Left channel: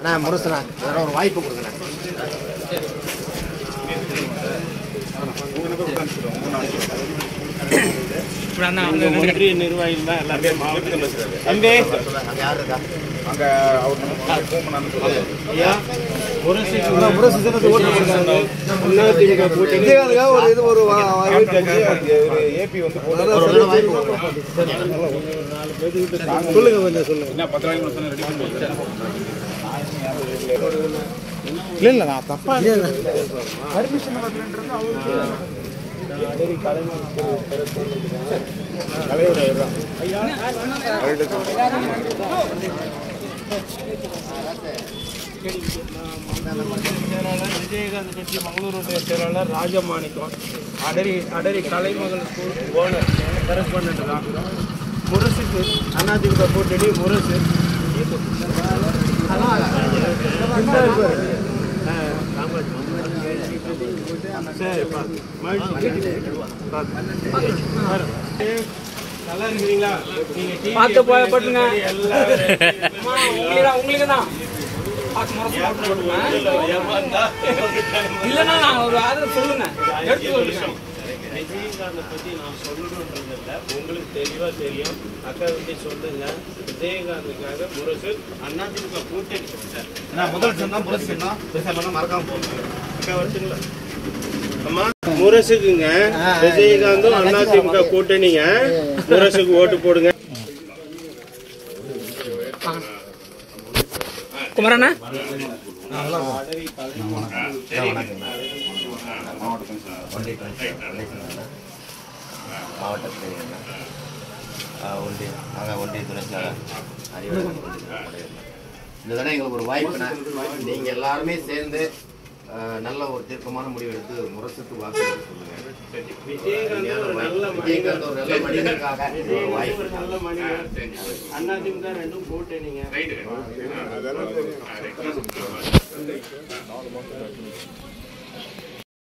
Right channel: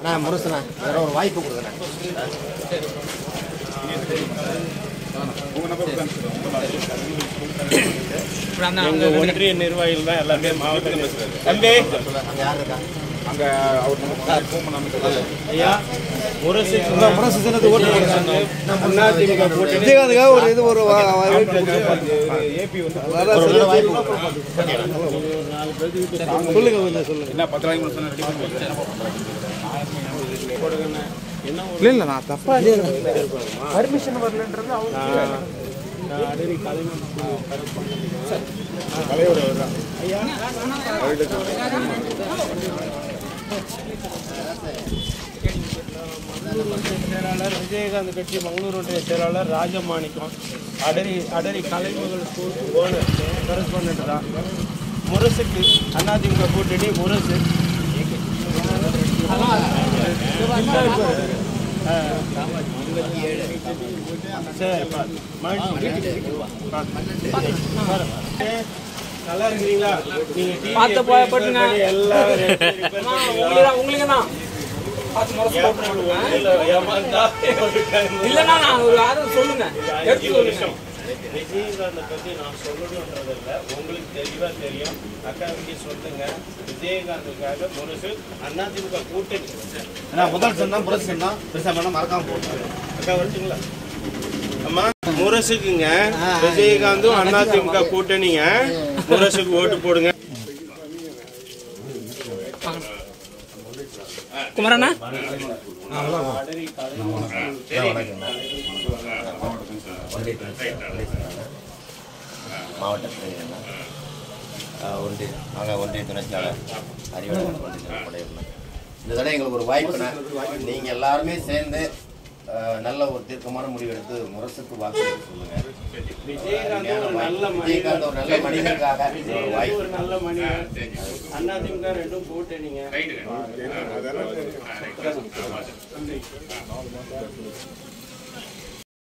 அண்ணா முரசுண்ணா வேற ஒரு வாய்ப்பு கொடுங்கண்ணா. ஒன்றிய நிர்வாகிகள் தான் எல்லாமே மாவட்டம் பேசுறாரு. அங்கே யார் இருக்கா? அங்க அவர் ஃபோன் பண்ணான்னு சொல்லுவாங்க. ஐயா முரசு ஏபி வந்து சொல்லுங்க என்ன 10 நாளைக்கு சொன்ன ரெடி பண்ணி இல்ல நான் தப்பா பர்மிஷன் வரலன்றது அவருக்கு விஜயகாந்த் கட்சி மங்களூர் செயலாளர் ராஜமாணிக்கம் அடரி கலைமகள் ஸ்கூல் ஓனர் கரஸ்பாண்டன்ட் தான். முரசுக்கு அதிமுக கூட்டணி முரசு நல்லா இருக்கிறீங்களா? பார்த்து போட்டுங்க உங்களுக்கு தான் இல்லைன்னா நான் ஒரு ஆதரவு சொல்லுங்க. விஜயகாந்தை பற்றி நான் சொல்லணுன்றதில்ல, உங்களுக்கு தெளிவாக தெரியும். அக்காவுக்கு சொல்லுங்க, விஜயகாந்துக்காக முரசு அதிமுக கூட்டணி முதல் சொன்னா முரசு சொன்னா பெருசாக மறக்காம போகுது. அக்கா வந்துங்களா? அம்மா முரசுக்குங்க விஜயகாந்தும் அதிமுக கூட்டணிங்க, முரசுக்கு ஓட்டு போடுங்க. குமரண்ணா மாவட்ட ஒன்றிய துணை செயலாளர் அறிவுரை. இந்த தடவை எங்களுக்கு ஒரு வாய்ப்புனா நீங்கள் எல்லாருமே சேர்ந்து நல்ல ஒரு தீர்க்கமான முடிவு எடுத்து முரசுக்கு வாக்கு சொல்லுங்க. விஜயகாந்த் ஒரு நல்ல மனிதனுக்காக வாய்ப்பு. நல்ல மனிதன். அதிமுக ரெண்டும் கூட்டணிங்க.